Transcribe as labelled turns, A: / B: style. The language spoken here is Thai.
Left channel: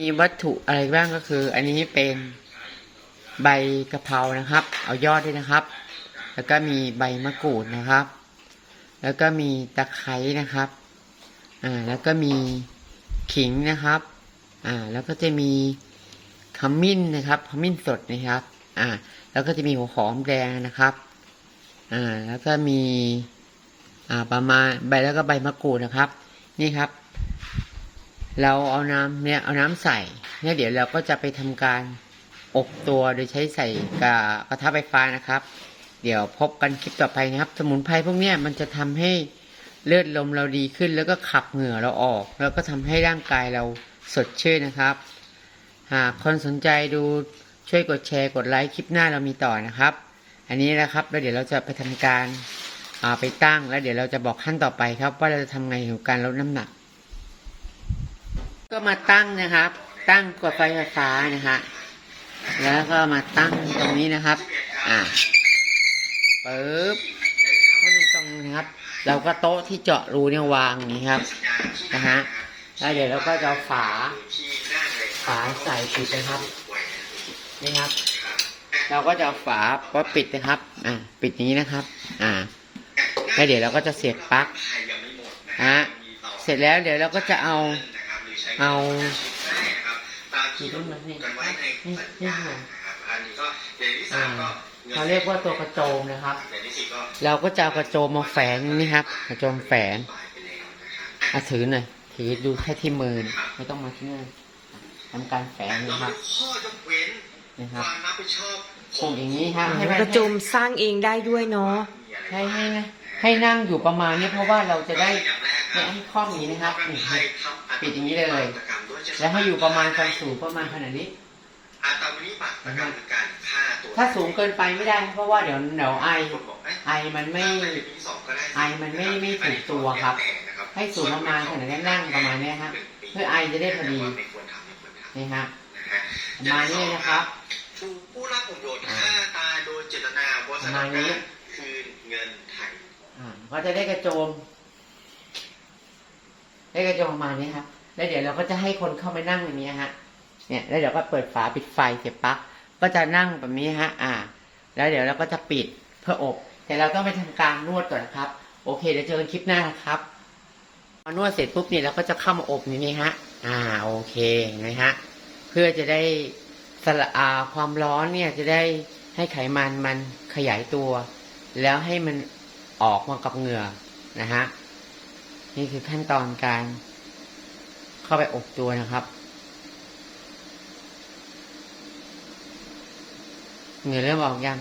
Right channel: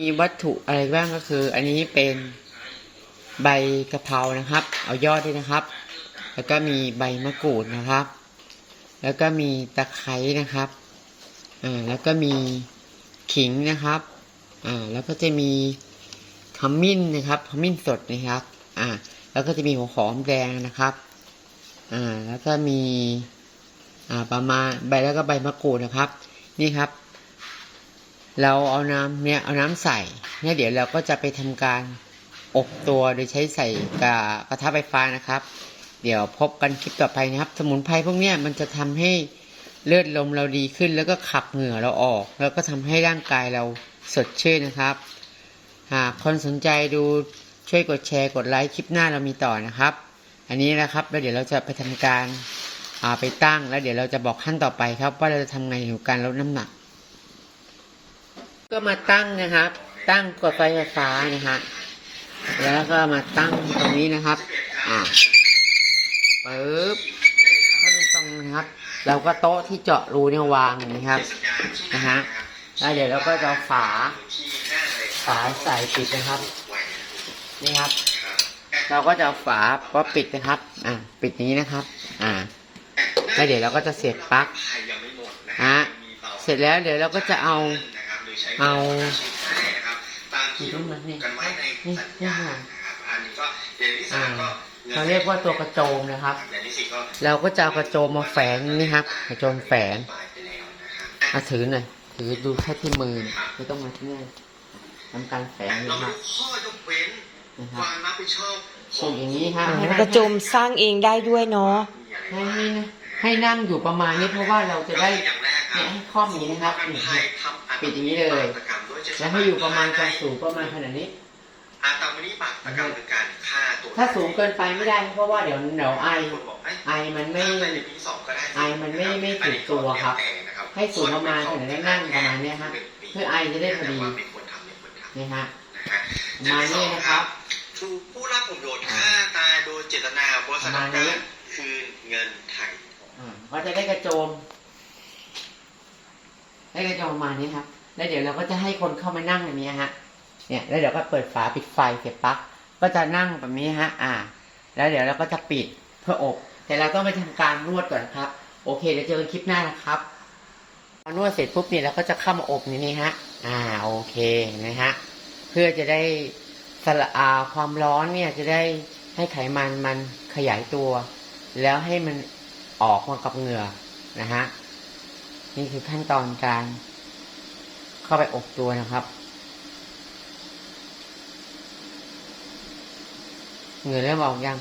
A: มีวัตถุอะไรบ้างก็คือ อันนี้เป็นใบกะเพรานะครับ เอายอดด้วยนะครับ แล้วก็มีใบมะกรูดนะครับ แล้วก็มีตะไคร้นะครับอ่าแล้วก็มีขิงนะครับอ่าแล้วก็จะมีขมิ้นนะครับขมิ้นสดนะครับอ่าแล้วก็จะมีหัวหอมแดงนะครับอ่าแล้วก็มีอ่าประมาณใบแล้วก็ใบมะกรูดนะครับ นี่ครับ เราเอาน้ำเนี่ยเอาน้ำใส่เนี่ยเดี๋ยวเราก็จะไปทำการอบตัวโดยใช้ใส่กระกระทะไฟฟ้านะครับ เดี๋ยวพบกันคลิปต่อไปนะครับ สมุนไพรพวกเนี้ยมันจะทำให้เลือดลมเราดีขึ้น แล้วก็ขับเหงื่อเราออก แล้วก็ทำให้ร่างกายเราสดชื่นนะครับหากคนสนใจดูช่วยกดแชร์กดไลค์คลิปหน้าเรามีต่อนะครับ อันนี้นะครับแล้วเดี๋ยวเราจะไปทำการาไปตั้งแล้วเดี๋ยวเราจะบอกขั้นต่อไปครับ ว่าเราจะทำไงเกี่ยวกับการลดน้ำหนัก ก็มาตั้งนะครับ ตั้งกดไฟฟ้านะฮะแล้วก็มาตั้งตรงนี้นะครับ อ่าปึ๊บถ้ามันตรงนะครับ เราก็โต๊ะที่เจาะรูเนี่ยวางอย่างนี้ครับ นะฮะแล้วเดี๋ยวเราก็จะฝา ฝาใส่ปิดนะครับ นี่ครับ เราก็จะเอาฝาก็ปิดนะครับ อ่า ปิดนี้นะครับ อ่า แล้วเดี๋ยวเราก็จะเสียบปลั๊กฮะเสร็จแล้วเดี๋ยวเราก็จะเอา เอากี่รุ่นมานี่นี่นี่ค่ะอ่าเขาเรียกว่าตัวกระโจมนะครับ เราก็จะเอากระโจมมาแฝงนี่ครับ กระโจมแฝงเอาถือหน่อยถือดูแค่ที่มือไม่ต้องมาที่นี่ทำการแฝงนะครับ
B: ข้อยกเว้น
A: นะครับ
B: ความรับผิดชอบข
A: ส่
B: อง
A: งอย่างนี้ครับให้
C: กระโจมสร้างเองได้ด้วยเนาะ
A: ให้ให้ให้นั่งอยู่ประมาณนี้เพราะว่าเราจะได้ เนี่ยให้คล่อมอย่างนี้นะครับนี่ปิดอย่างนี้เลย แล้วให้อยู่ประมาณความสูงประมาณขนาดนี้
B: อาตามนี้บาปกรรมคือการฆ่าตัว
A: ถ้าสูงเกินไปไม่ได้ เพราะว่าเดี๋ยวเดี๋ยวไอ
B: บอกให้
A: ไอมันไม่
B: มีสองก็ได้
A: ไอมันไม่ไม่ถูกตัวครับ ให้สูงประมาณขนาดนี้นั่งประมาณเนี้ยครับเพื่อไอจะได้พอดี
B: ไม่ควรทำไม่ควรทำ
A: นี่ฮะ
B: นะครับ
A: ประมาณนี้นะครับ
B: ถูกผู้รับผลประโยชน์ฆ่าตายโดยเจตนาบริษัท
A: ประมาณนี้
B: คือเงินไทย
A: อ่าก็จะได้กระโจม ได้กระโจมประมาณนี้ครับ แล้วเดี๋ยวเราก็จะให้คนเข้ามานั่งอย่างนี้ฮะ เนี่ยแล้วเดี๋ยวก็เปิดฝาปิดไฟเสียบปลั๊กก็จะนั่งแบบนี้ฮะ อ่า แล้วเดี๋ยวเราก็จะปิดเพื่ออบ แต่เราต้องไปทำการนวดก่อนนะครับ โอเคเดี๋ยวเจอกันคลิปหน้านะครับพอนวดเสร็จปุ๊บเนี่ยเราก็จะเข้ามาอบอย่างนี้ฮะ อ่าโอเคนะฮะเพื่อจะได้สละอาความร้อนเนี่ยจะได้ให้ไขมันมันขยายตัว แล้วให้มันออกมากับเหงื่อนะฮะ นี่คือขั้นตอนการเข้าไปอบตัวนะครับ เหงื่อเริ่มออกยัง